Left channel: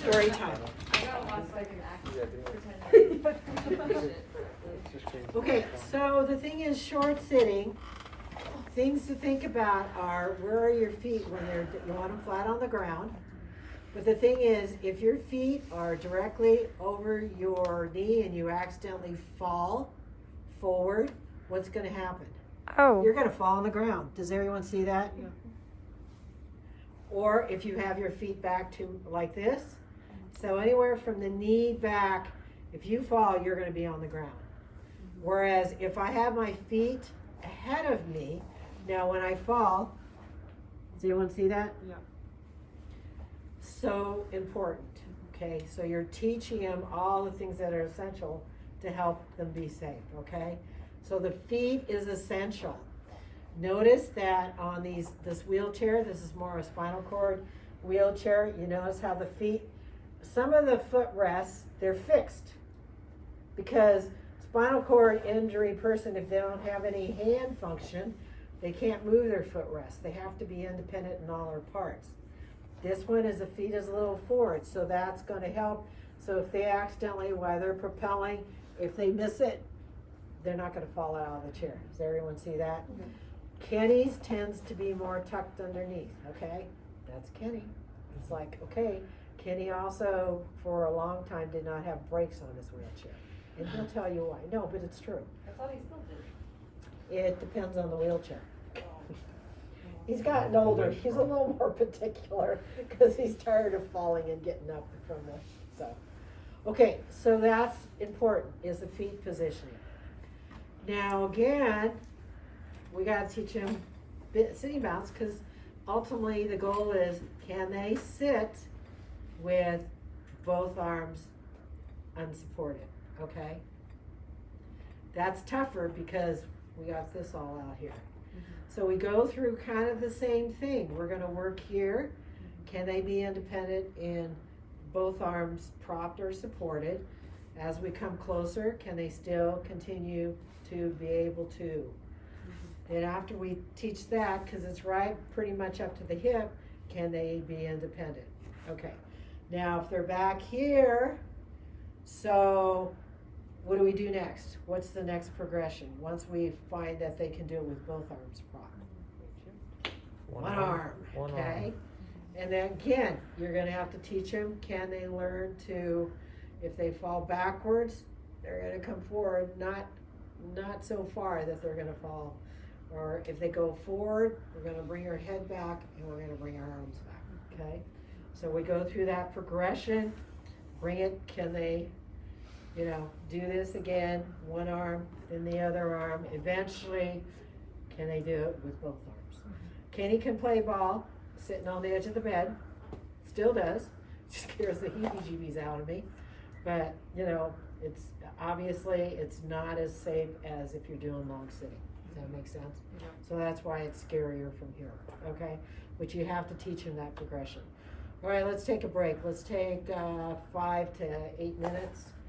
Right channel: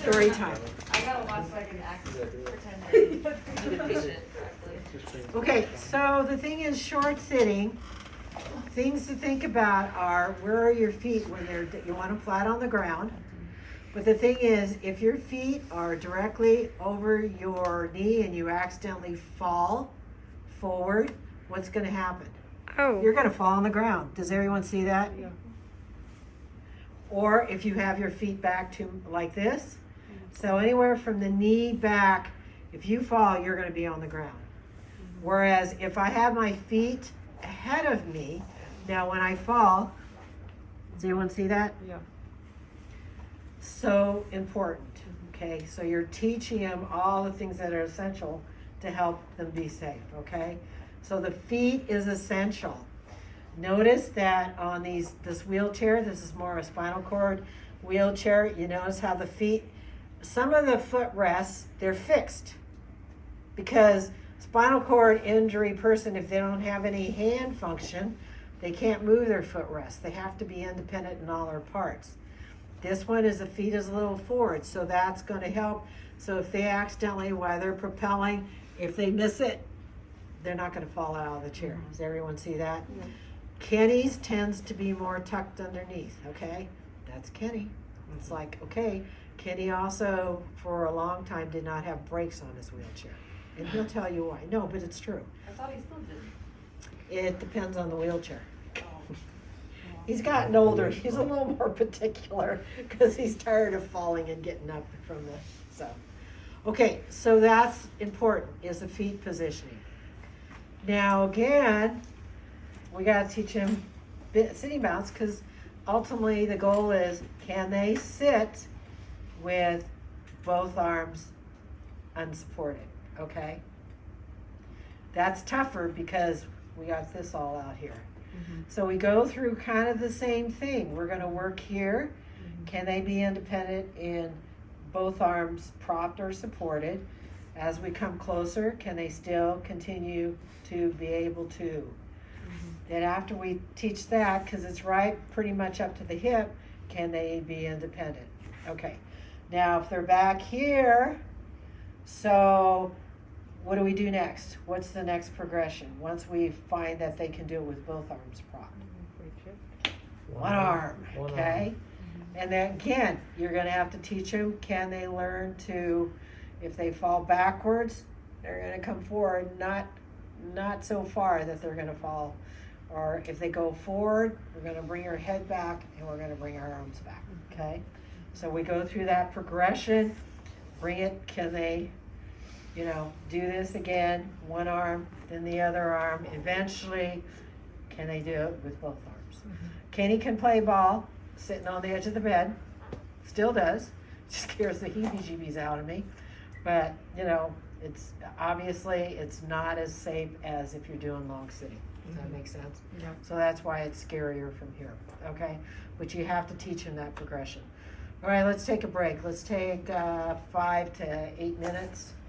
Story time. Okay, so the thing is short sitting. Things to think about are where are your feet when you want them flat on the ground. But the thing is, if your feet are directly over your knee and you accidentally fall forward, what's going to happen? Oh. You're going to fall on the ground. Does everyone see that? Yeah. Or if you have your feet back to like this. So anywhere from the knee back, if you fall, you're going to be on the ground. Whereas if I have my feet ahead of me, now when I fall, does anyone see that? Yeah. So important. Okay, so you're teaching them all the things that are essential to help them be safe. Okay, so the feet is essential. Notice that on this wheelchair, this is more a spinal cord wheelchair. You notice how the feet, some of the footrests, they're fixed because spinal cord injury person, if they don't have any hand function, they can't move their footrest. They have to be independent in all their parts. This one is the feet is a little forward, so that's going to help. So if they accidentally, while they're propelling, if they miss it, they're not going to fall out of the chair. Does everyone see that? Yeah. Kenny's tends to be more tucked underneath, okay? That's Kenny. It's like, okay, Kenny also, for a long time, did not have brakes on his wheelchair. And he'll tell you why. No, but it's true. I thought he still did. It depends on the wheelchair. He's gotten older. He's a little more particular because he's tired of falling and getting up from the, so. Okay, so that's important, is the feet positioning. Now again, we got to teach him sitting bounce because ultimately the goal is, can they sit with both arms unsupported, okay? That's tougher because we got this all out here. So we go through kind of the same thing. We're going to work here. Can they be independent in both arms propped or supported? As we come closer, can they still continue to be able to? Then after we teach that, because it's right pretty much up to the hip, can they be independent? Okay. Now if they're back here, so what do we do next? What's the next progression? Once we find that they can do it with both arms propped. One arm, okay? And then again, you're gonna have to teach them, can they learn to, if they fall backwards, they're gonna come forward, not so far that they're gonna fall. Or if they go forward, we're gonna bring our head back and we're gonna bring our arms back, okay? So we go through that progression, bring it, can they, do this again, one arm, then the other arm. Eventually, can they do it with both arms? Kenny can play ball, sitting on the edge of the bed, still does, scares the heebie-jeebies out of me. But, it's obviously, it's not as safe as if you're doing long sitting. Does that make sense? Yeah. So that's why it's scarier from here, okay? But you have to teach him that progression. All right, let's take a break. Let's take 5 to 8 minutes.